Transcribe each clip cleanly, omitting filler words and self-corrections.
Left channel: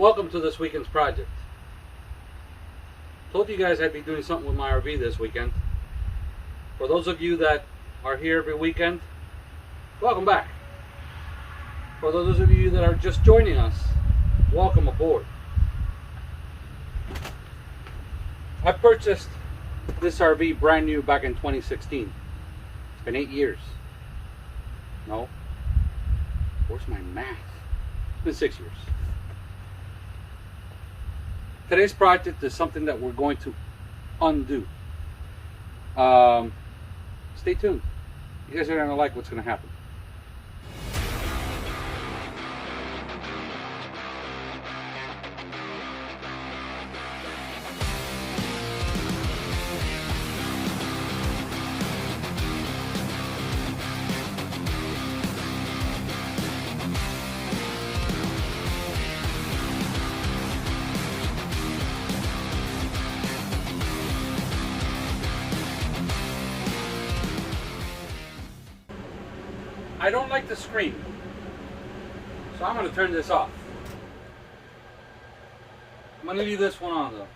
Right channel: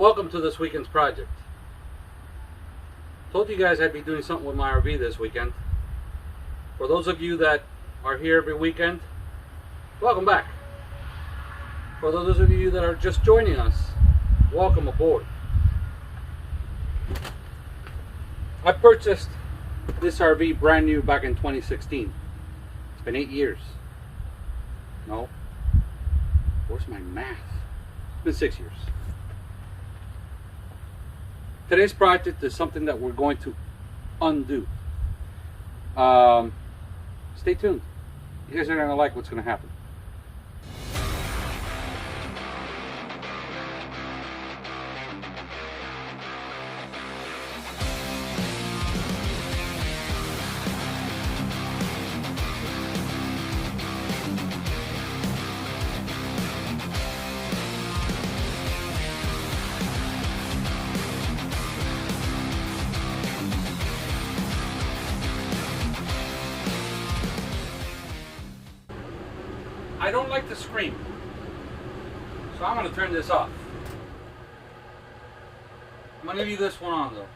Welcome to this weekend's project. Told you guys I'd be doing something with my RV this weekend. For those of you that are here every weekend, welcome back. For those of you that are just joining us, welcome aboard. I purchased this RV brand new back in 2016. It's been 8 years. No. Where's my math? It's been 6 years. Today's project is something that we're going to undo. Stay tuned. You guys are going to like what's going to happen. I don't like to scream, so I'm going to turn this off. I'm going to leave this one on though.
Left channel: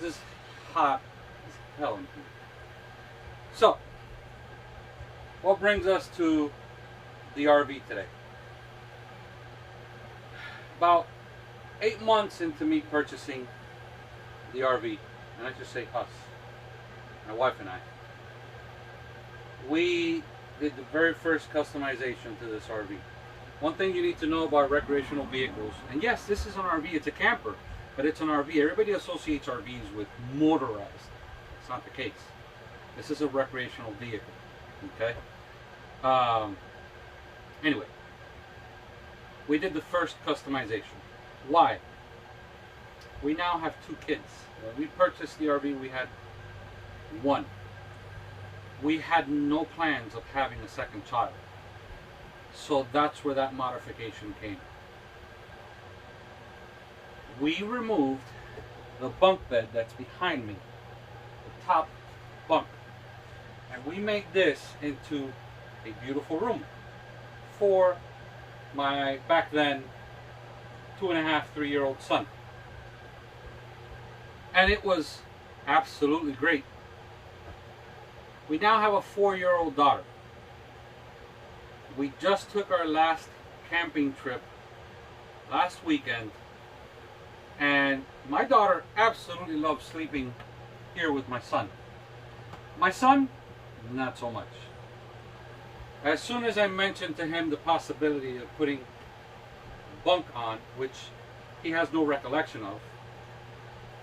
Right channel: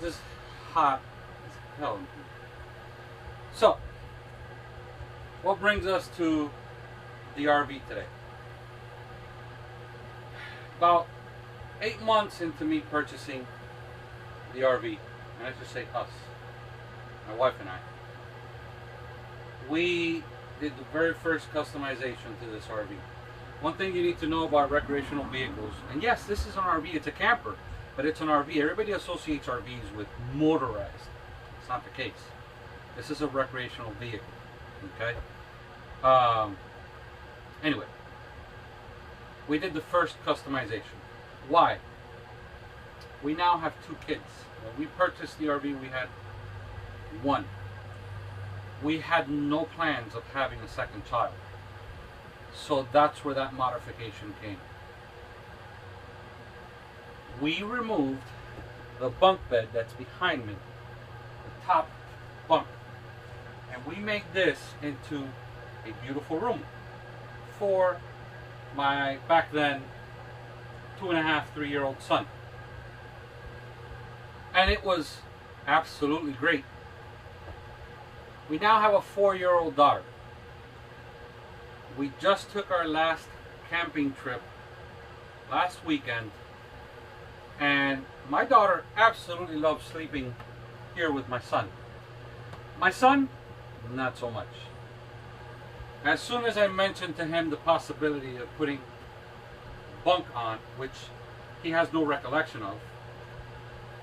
This is hot as hell in here. So, what brings us to the RV today? About 8 months into me purchasing the RV, and I just say us, my wife and I, we did the very first customization to this RV. One thing you need to know about recreational vehicles, and yes, this is an RV, it's a camper, but it's an RV. Everybody associates RVs with motorized. It's not the case. This is a recreational vehicle, okay? Anyway, we did the first customization. Why? We now have 2 kids. When we purchased the RV, we had 1. We had no plans of having a second child. So that's where that modification came. We removed the bunk bed that's behind me, the top bunk, and we made this into a beautiful room for my, back then, 2.5, 3-year-old son. And it was absolutely great. We now have a 4-year-old daughter. We just took our last camping trip last weekend, and my daughter absolutely loves sleeping here with my son. My son, not so much. As soon as I mentioned to him the possibility of putting bunk on, which he has no recollection of,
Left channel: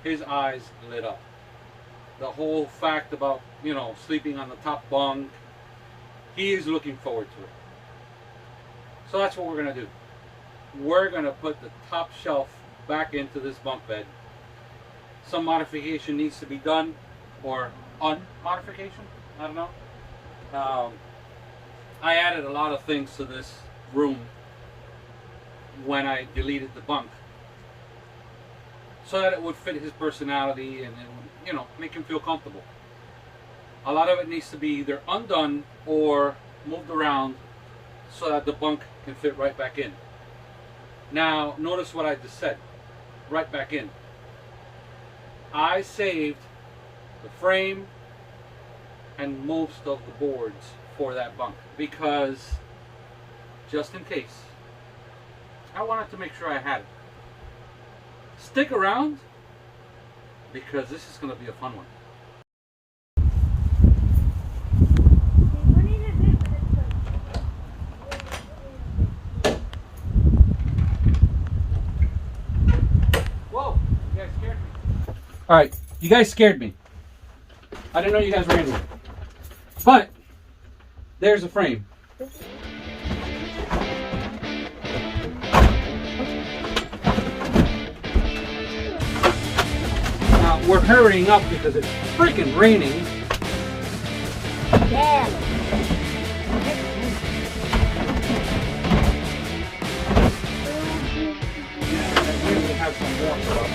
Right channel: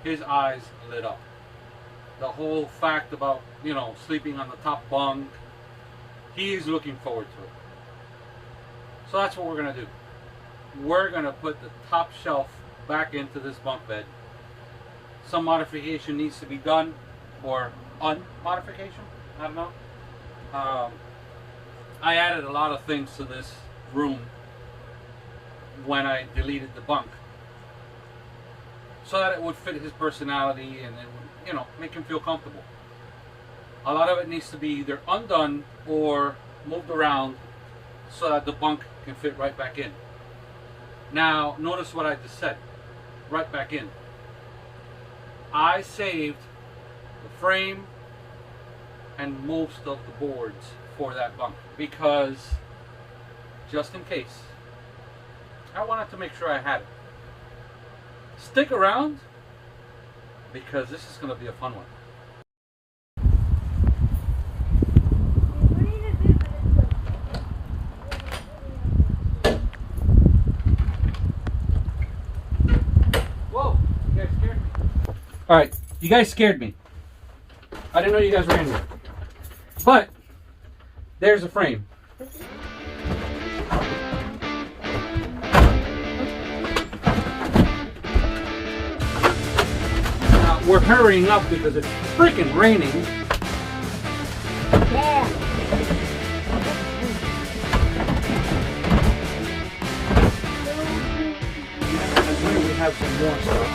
his eyes lit up. The whole fact about, you know, sleeping on the top bunk, he is looking forward to it. So that's what we're going to do. We're going to put the top shelf back into this bunk bed. Some modification needs to be done, or unmodification, I don't know. I added a lot of things to this room when I deleted the bunk, so that it would fit his personality and it would, you know, make him feel comfortable. A lot of it needs to be either undone or moved around so that the bunk can fit right back in. Now, notice what I just said. Right back in. I saved the frame and most of the boards for that bunk because, just in case, I wanted to make sure I had it. Stick around, because this is going to be a fun one. Whoa, you guys scared me. Alright, you guys scared me. I didn't know you guys were in here. But, there's a frame. We're hurrying up because it's freaking raining. Yeah. We have some warmth up.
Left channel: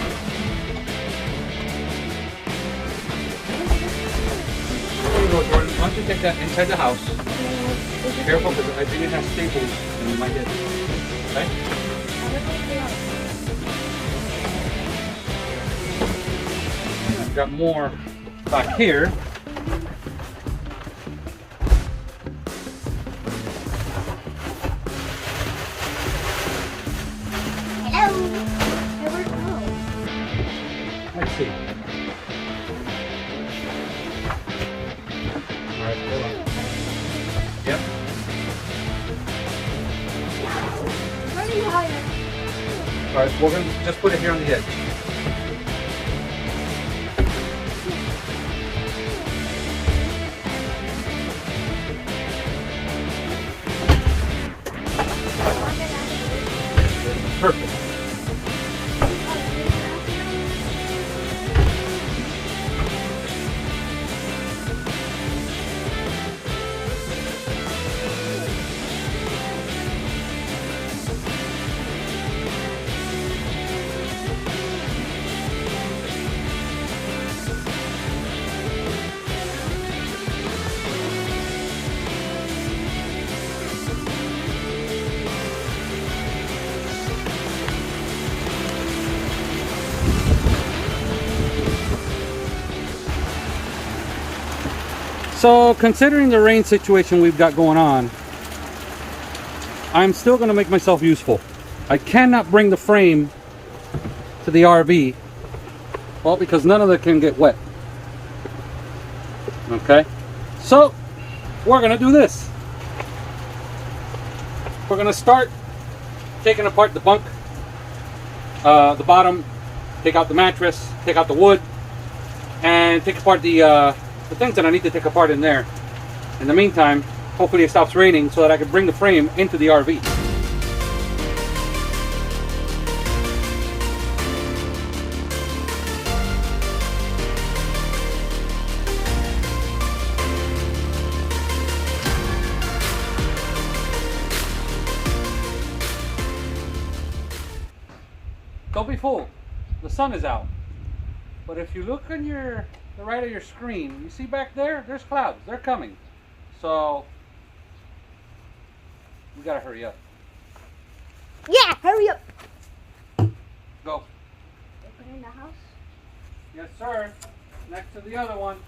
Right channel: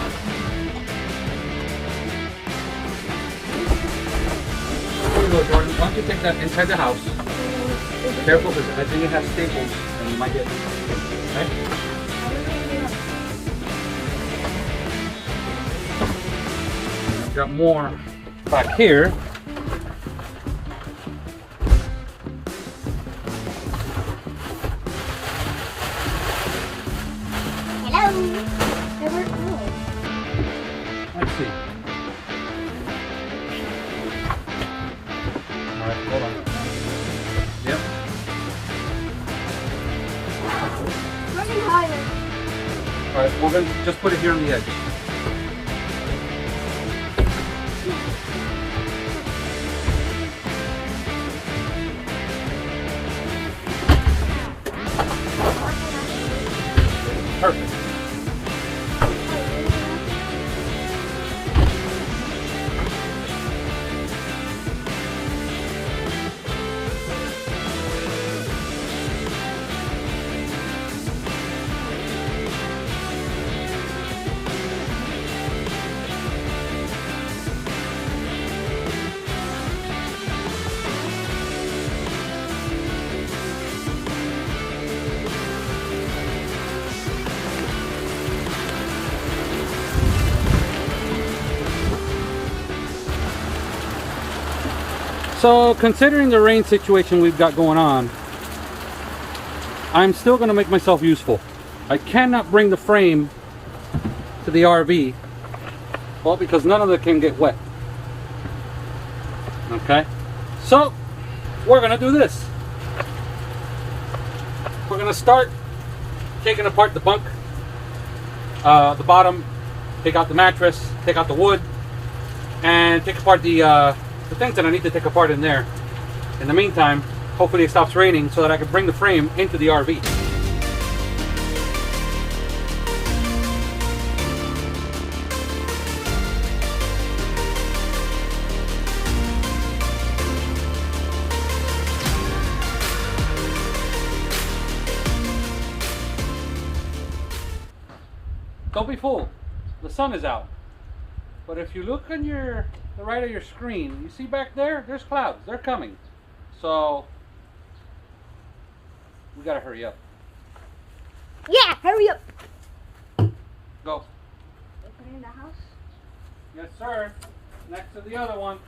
Once you take that inside the house, careful because I think it has staples and you might get it. Okay? got more back here. Hello. Let's see. All right, hold on. Yep. Pretty higher. All right, we're going to just put it here on the edge. Perfect. So considering the rain situation we've got going on, I'm still going to make myself useful. I cannot bring the frame to the RV, well, because none of it can get wet. Okay, so we're going to do this. We're going to start taking apart the bunk, the bottom, take out the mattress, take out the wood, and take apart the things that I need to take apart in there. In the meantime, hopefully it stops raining so that I can bring the frame into the RV. Don't be fooled. The sun is out. But if you look on the right of your screen, you see back there, there's clouds. They're coming. So we gotta hurry up. Yeah, hurry up. Go. Open in the house. Yes, sir. Next to the other one.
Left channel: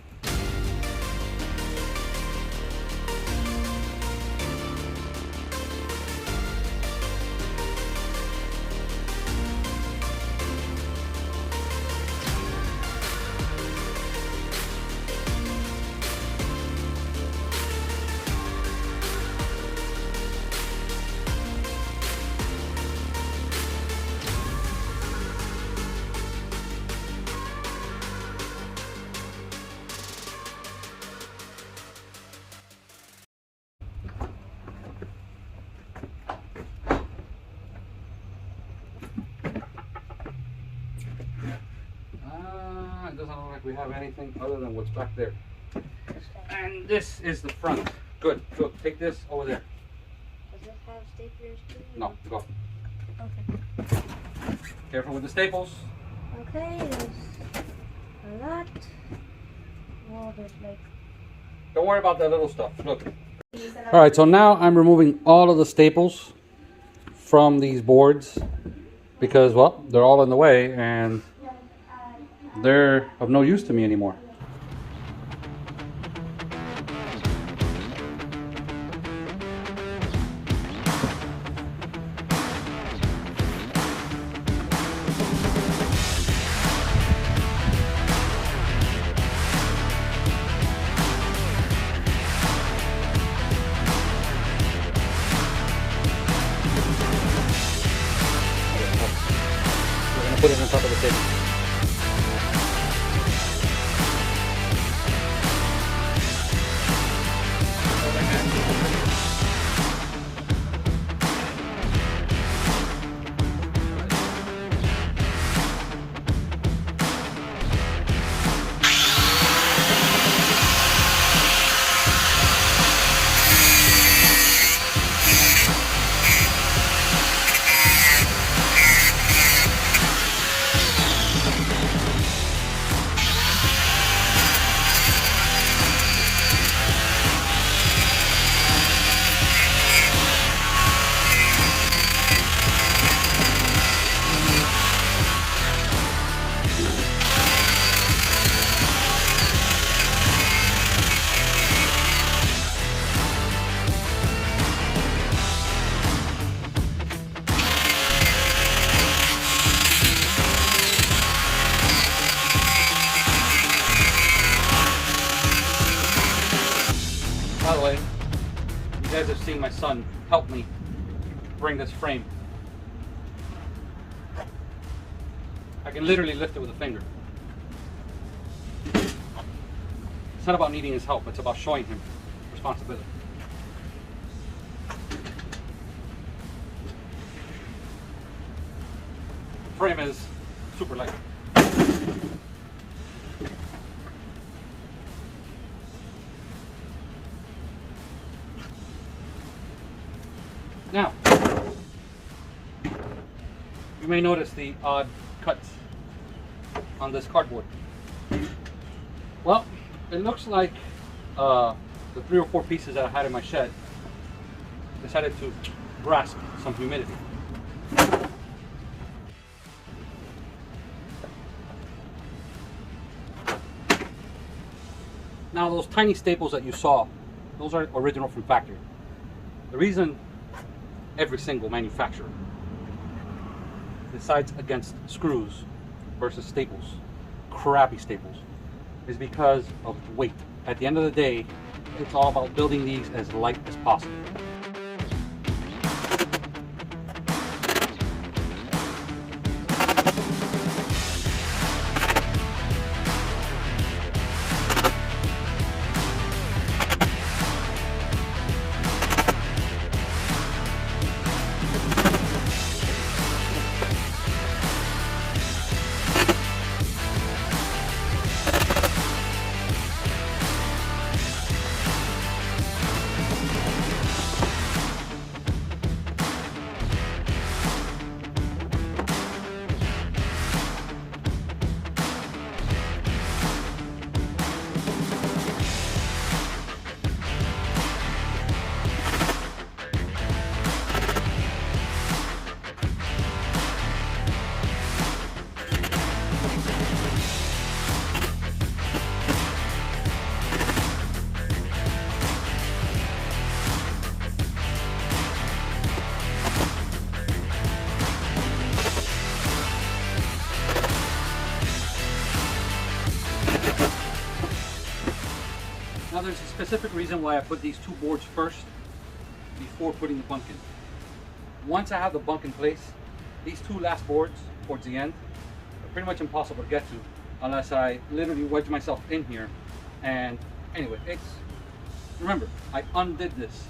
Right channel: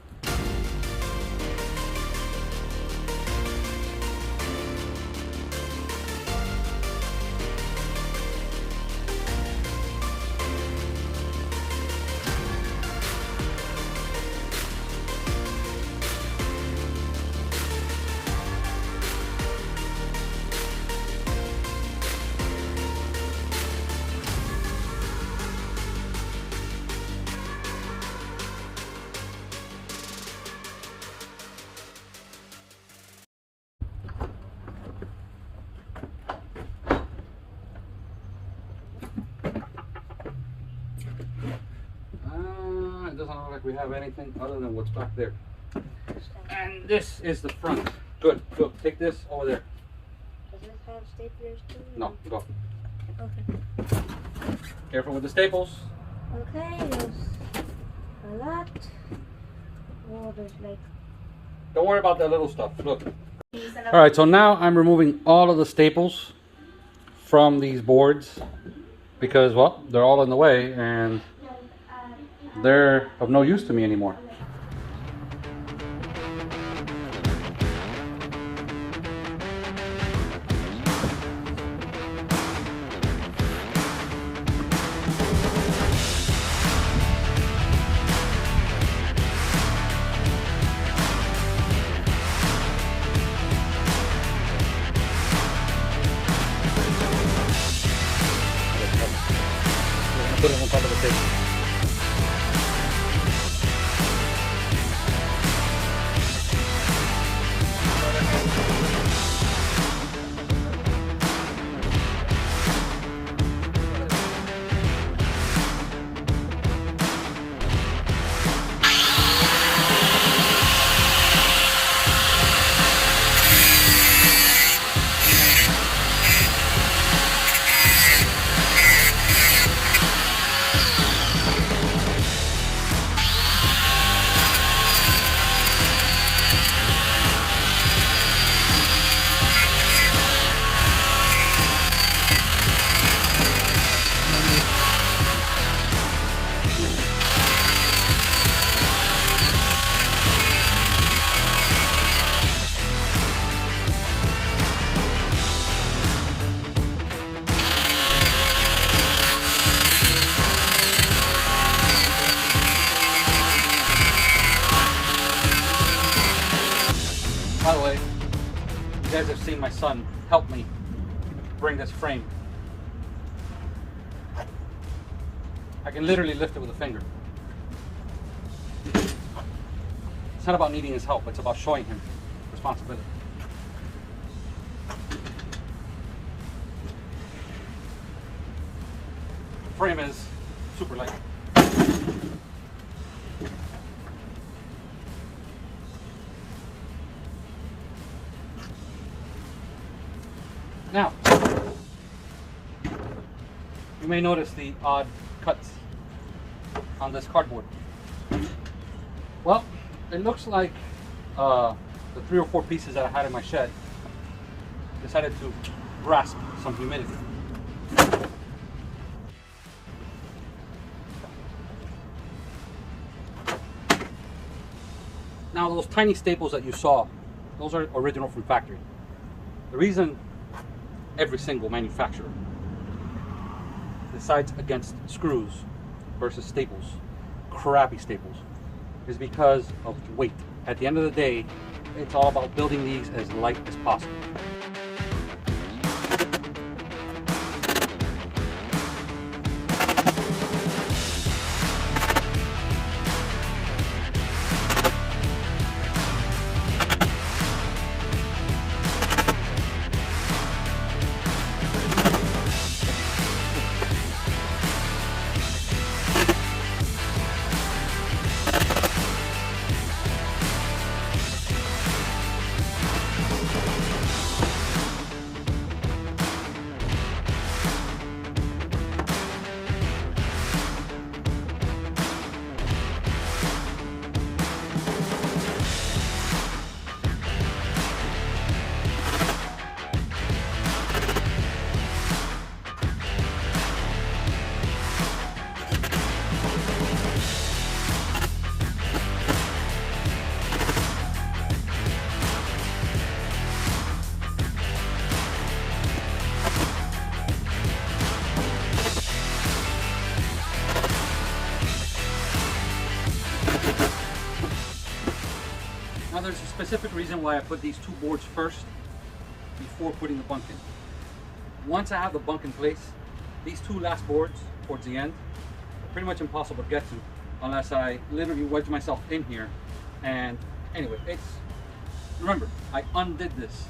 It doesn't look like we have anything other than what's back there. And this is the front. Good. Go. Take this over there. Does this have staplers too? No, go. Okay. Careful with the staples. Okay, there's a lot. Oh, there's like... Don't worry about the little stuff. Look. Alright, so now I'm removing all of the staples from these boards because, well, they're all in the way and they're of no use to me anymore. Put it on top of the table. and my son helped me bring this frame. I can literally lift it with a finger. It's not about needing his help, it's about showing him responsibility. The frame is super light. Now, you may notice the odd cuts on this cardboard. Well, it looks like the 3 or 4 pieces that I had in my shed decided to grasp some humidity. Now those tiny staples that you saw, those are original from factory. The reason every single manufacturer decides against screws versus staples, crappy staples, is because of weight. At the end of the day, it's all about building these as light as possible. Now there's a specific reason why I put these 2 boards first before putting the bunk in. Once I have the bunk in place, these 2 last boards towards the end are pretty much impossible to get to unless I literally wedge myself in here. And anyway, remember, I undid this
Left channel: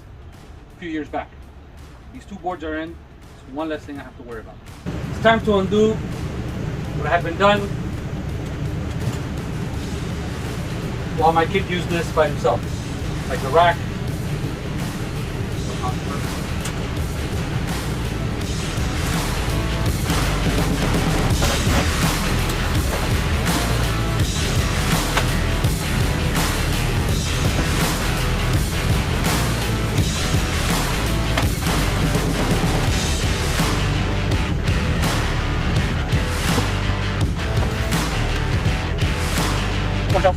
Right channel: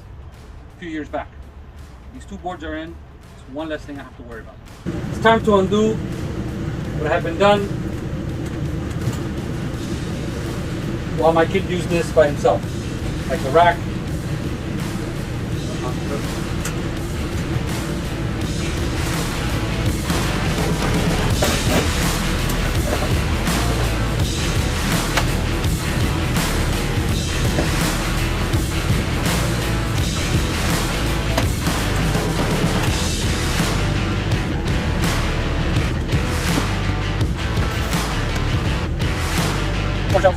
a few years back. These 2 boards are in, it's one less thing I have to worry about. It's time to undo what had been done while my kid used this by himself, like the rack. Watch out.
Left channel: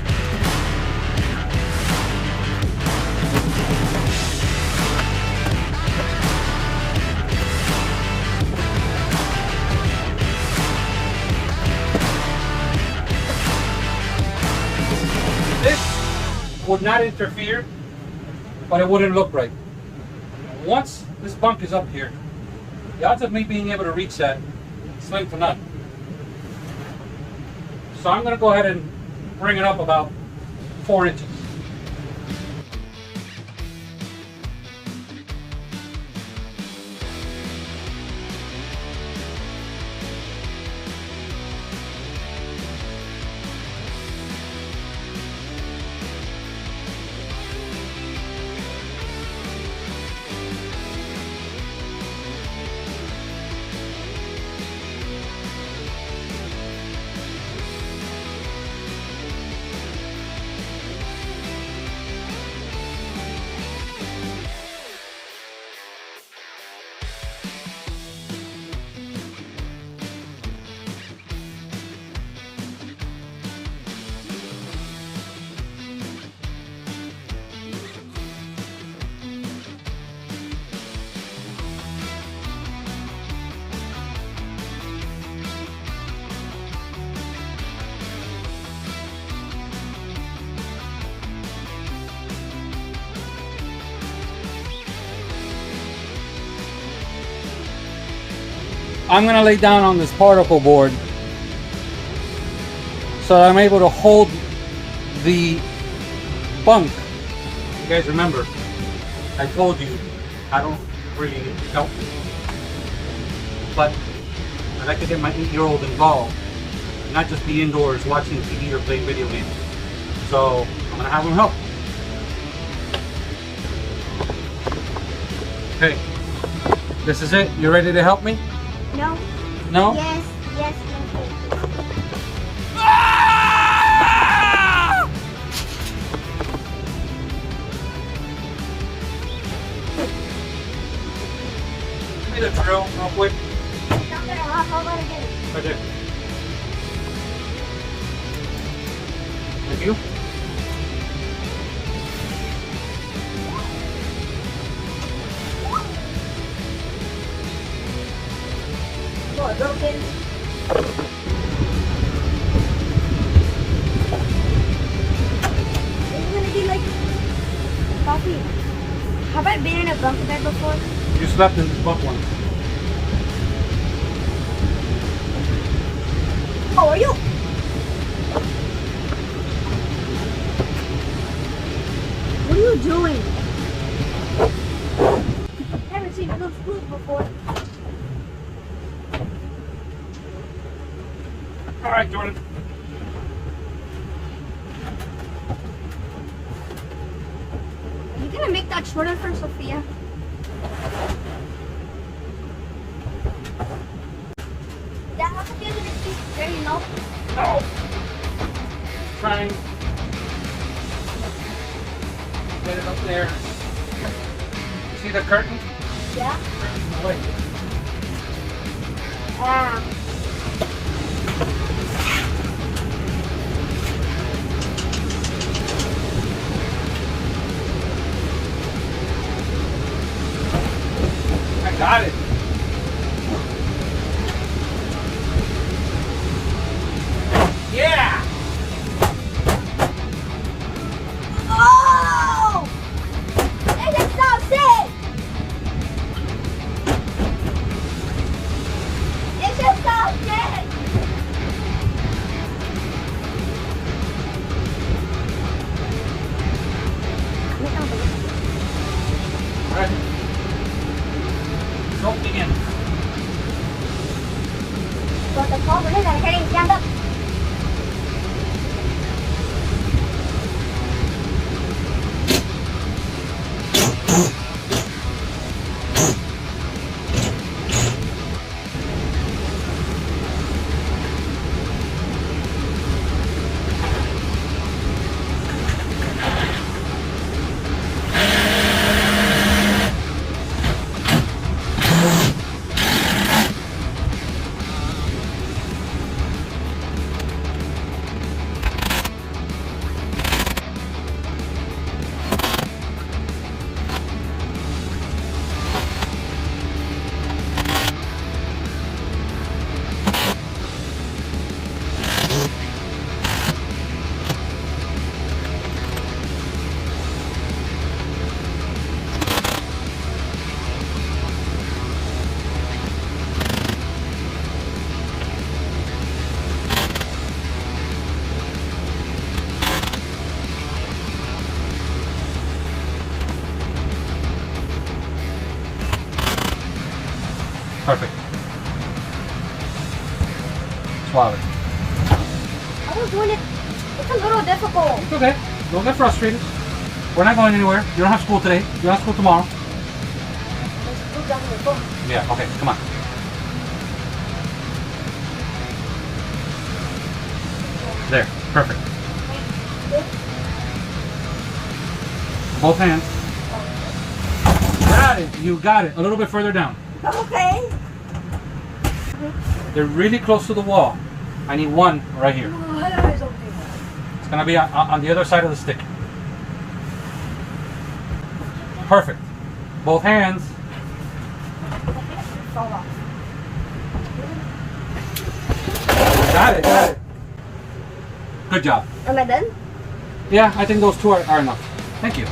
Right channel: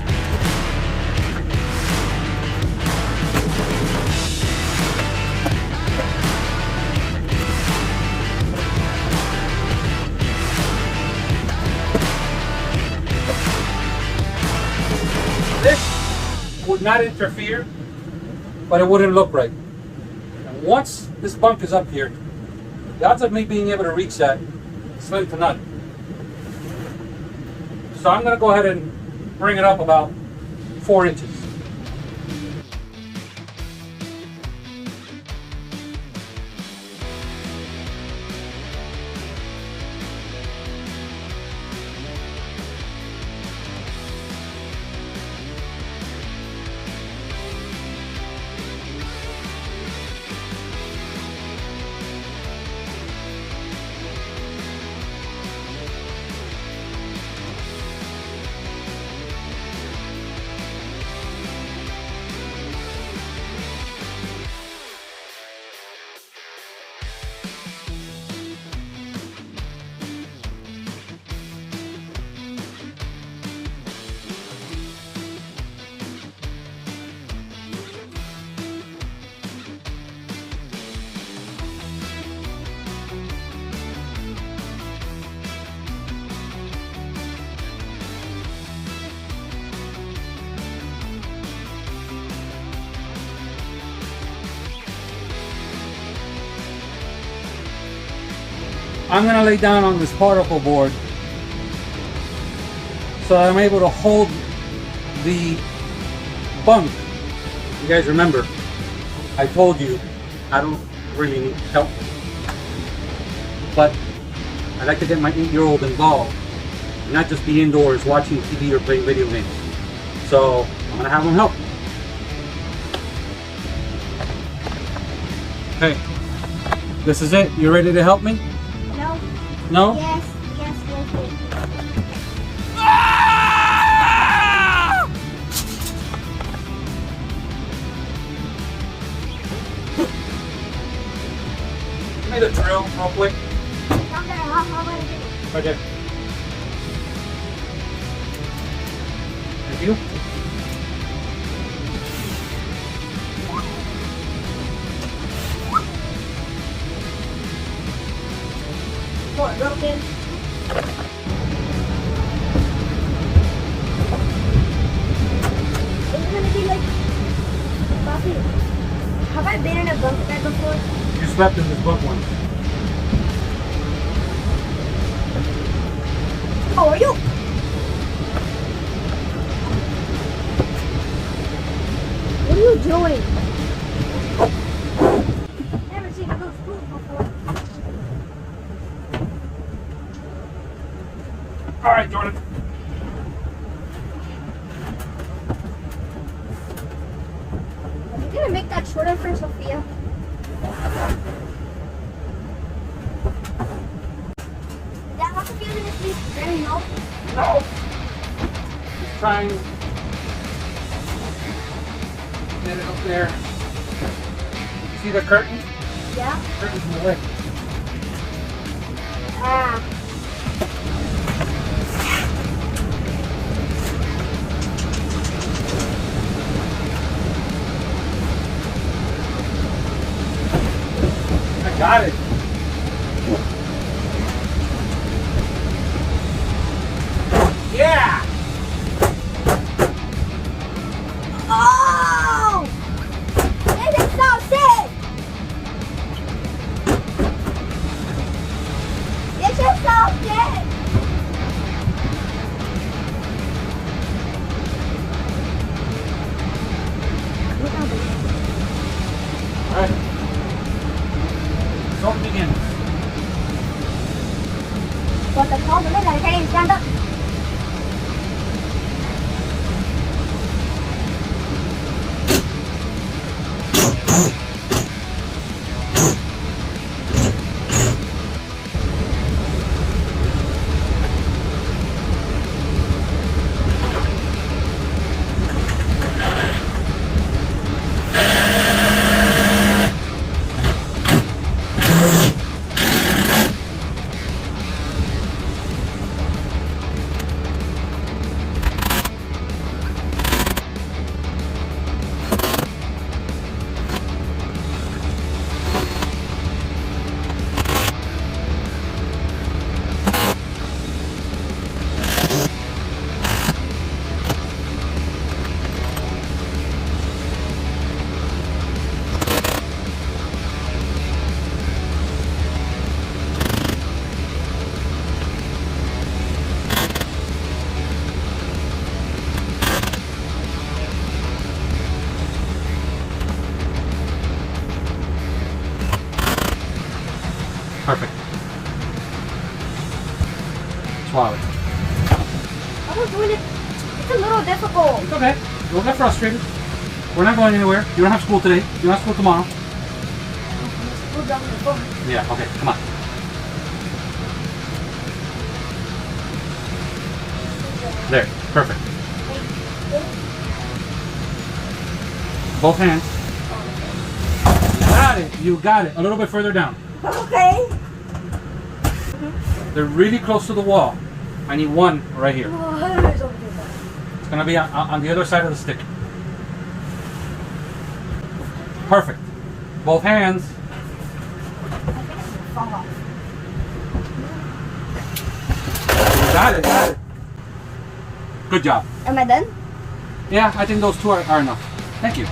This would not interfere, but it wouldn't look right. Once this bunk is up here, the odds of me being able to reach that is slim to none. So I'm going to go ahead and bring it up about 4 inches. I'm gonna lay down on this particle board so that I'm able to hold the bunk. You guys remember, I told you I don't really need help, but I like to get my 8-year-old involved, and not just be indoors watching TV or playing video games. So I'm gonna have him help. Okay, this is it. You ready to help me? No. No? Yes, yes, let's do it. Hey, the drill, real quick. I'm gonna walk over and Right there. Thank you. door broken. It's gonna be like Bobby. Have I been in a bunk bed before? You slept in this bunk once. How are you? What are you doing? Never seen blue food before. All right, Jordan. Are you gonna make that shorter for Sophia? That how Sophia's gonna sleep very low. No. Trying to get it up there. See the curtain? Yeah. Curtain's in the way. Ah. I got it. Yeah. Oh! This is so sick! This is so sick! All right. Don't begin. But the problem is I can't even stand up. Perfect. Swallow it. I was doing it. It's a little difficult. It's okay. Don't get frustrated. We're not going anywhere. You don't have school today. You don't have school tomorrow. Who's on the phone? Yeah, okay, come on. There, perfect. Both hands. Got it, you got it. A little bit further down. Okay. They're really close to the wall. I need one right here. It's gonna be on the other side of the stick. Perfect. Both hands. Got it, got it. Good job. Am I done? Yeah, I think those two are enough. Thank you.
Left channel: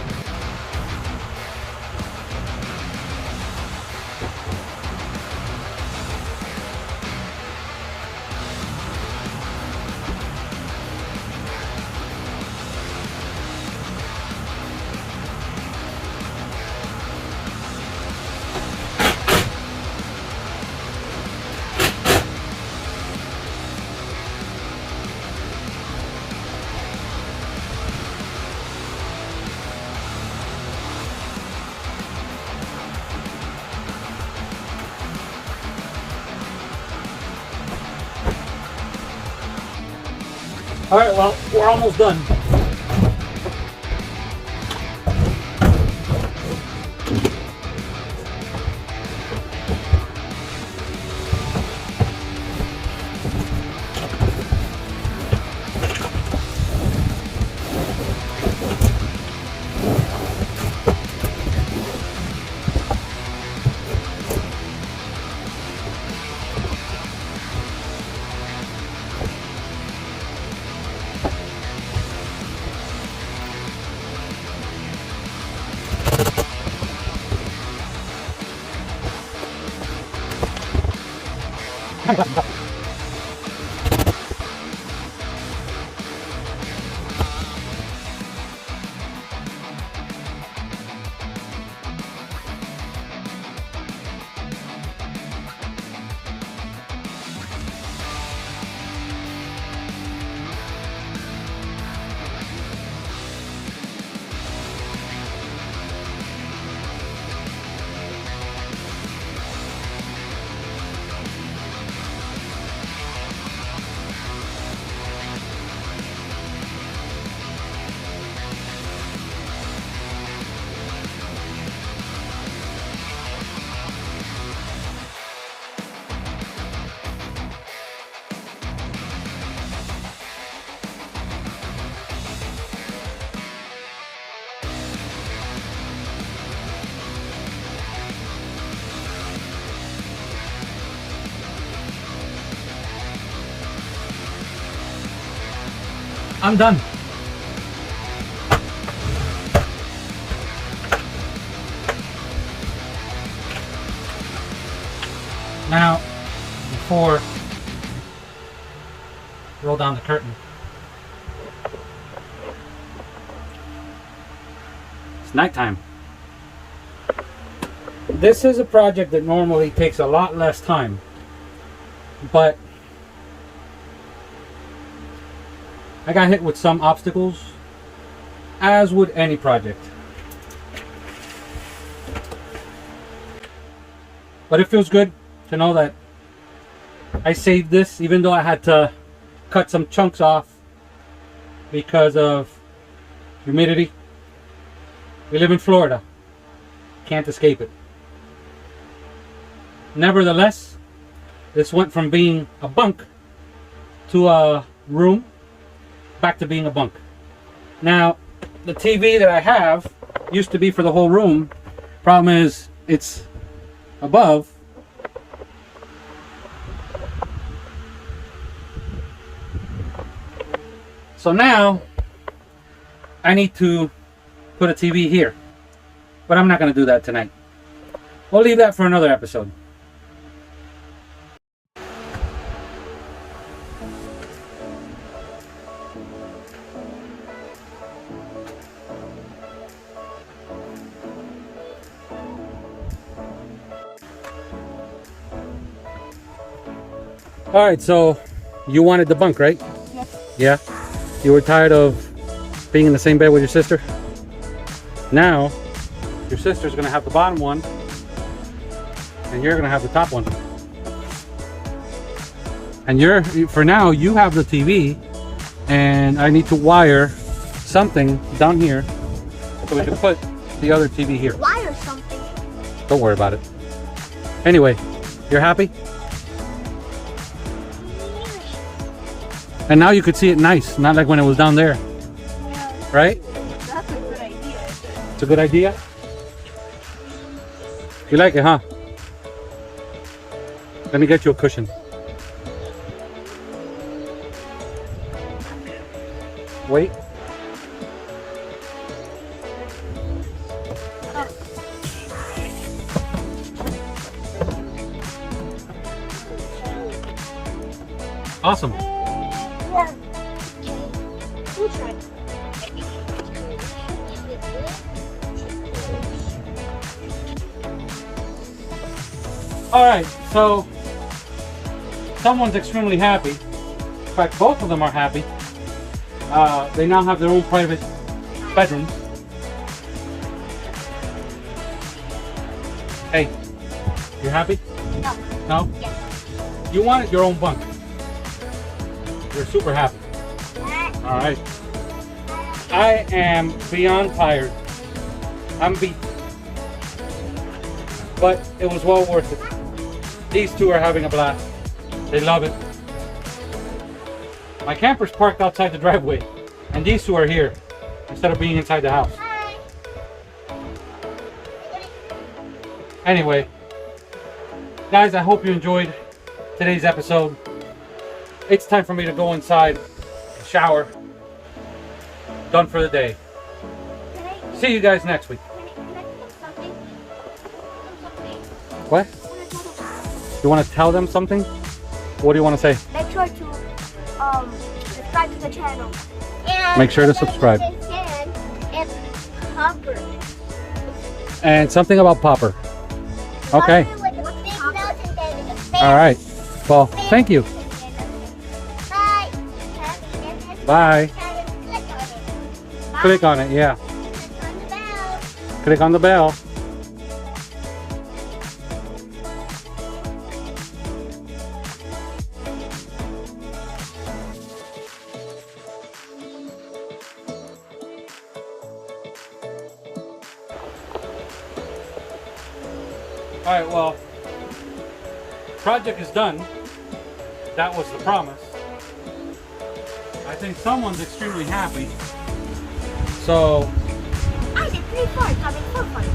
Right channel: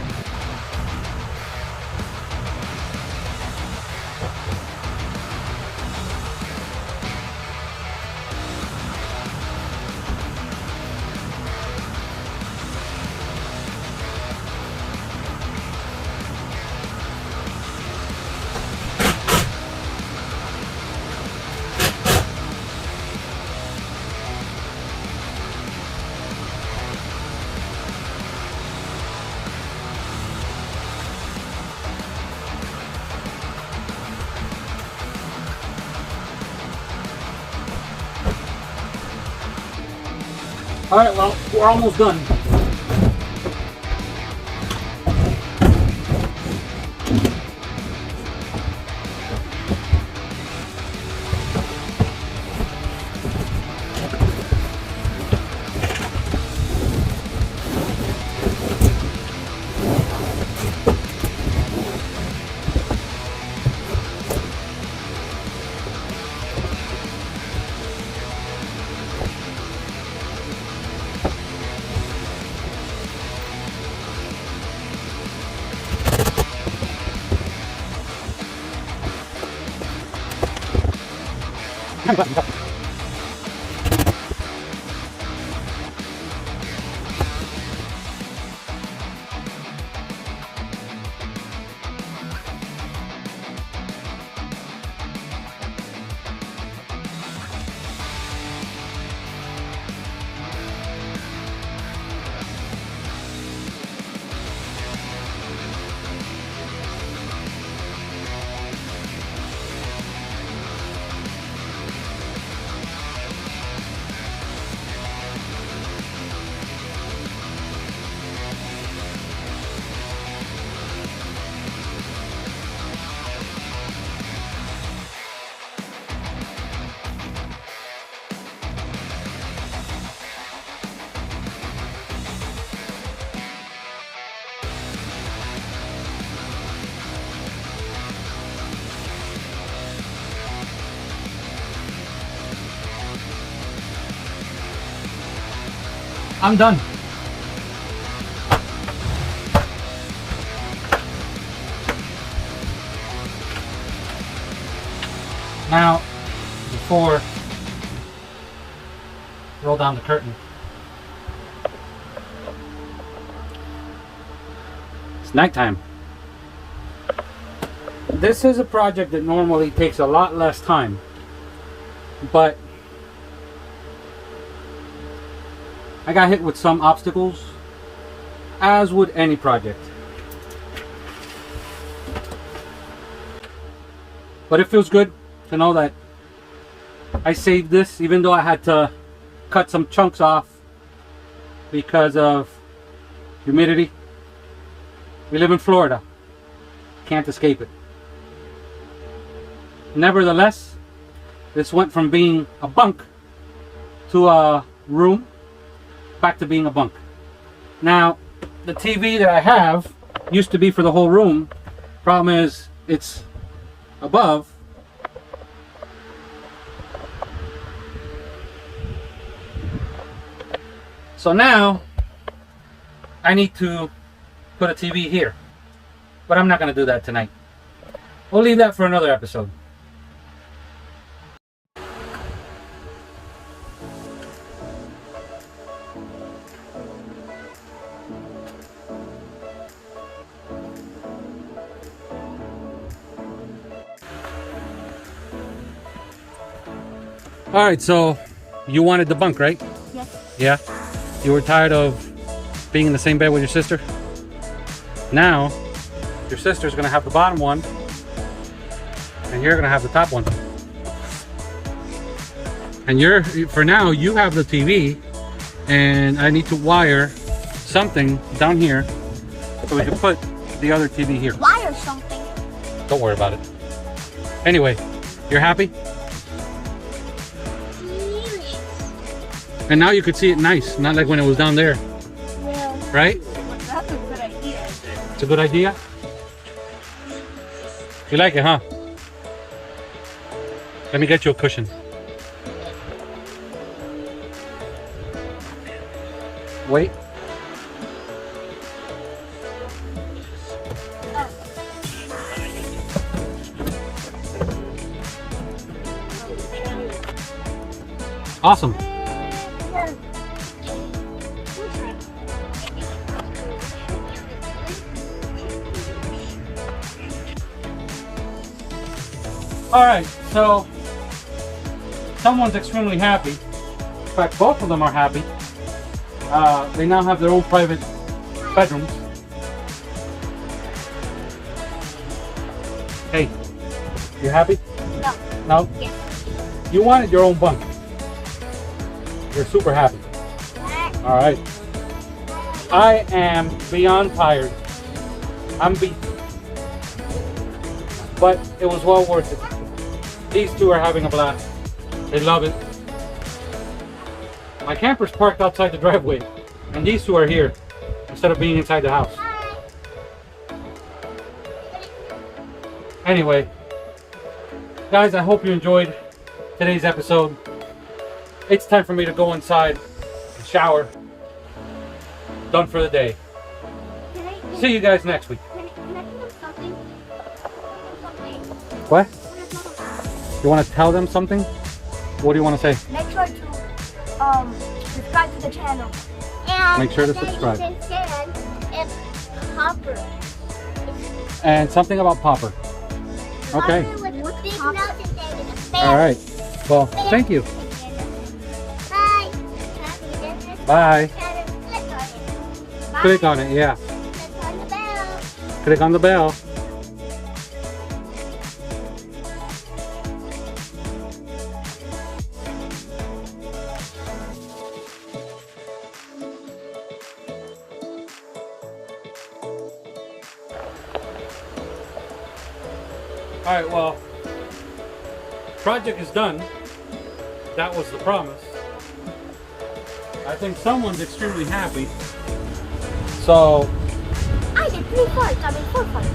All right, well, we're almost done. I'm done. Now, before roll down the curtain, it's nighttime. This is a project that normally takes a lot less time, but I got hit with some obstacles, as would any project. But it feels good to know that I saved this, even though I had to cut some chunks off because of humidity. We live in Florida. Can't escape it. Nevertheless, this went from being a bunk to a room back to being a bunk. Now, the TV that I have used to be for the whole room. Problem is, it's above. So now, I need to put a TV here. But I'm not going to do that tonight. We'll leave that for another episode. All right, so you wanted the bunk, right? Yes. Yeah? You were tired of being in the same bed with your sister? Now, your sister's gonna have the bottom one, and you're gonna have the top one. And for now, you have the TV, and I need to wire something down here so we can put the other TV here. Wire something. Don't worry about it. Anyway, you're happy? And now you could see it nice, not like when it was down there. Yeah. Right? That's a good idea. It's a good idea? You like it, huh? Let me get you a cushion. Wait. Awesome. All right, so someone's extremely happy. In fact, both of them are happy. They now have their own private bedrooms. Hey, you happy? No. No? Yes. You wanted your own bunk. You're super happy. All right. I am beyond tired. I'm beat. But it was well worth it. These two are having a blast. They love it. My camper's parked outside the driveway, and these two are here instead of being inside the house. Anyway, guys, I hope you enjoyed today's episode. It's time for me to go inside and shower. Done for the day. See you guys next week. What? You want to tell them something? What do you want to say? Make sure to subscribe to the channel. And Make sure to subscribe. And Popper. And something about Popper. Okay. All right. Well, thank you. Bye. Bye. Click on it, yeah. Click on the bell. All right, well, project is done. That was the promise. I think someone's extremely happy. So I did 3 parts. I mean 4 parts.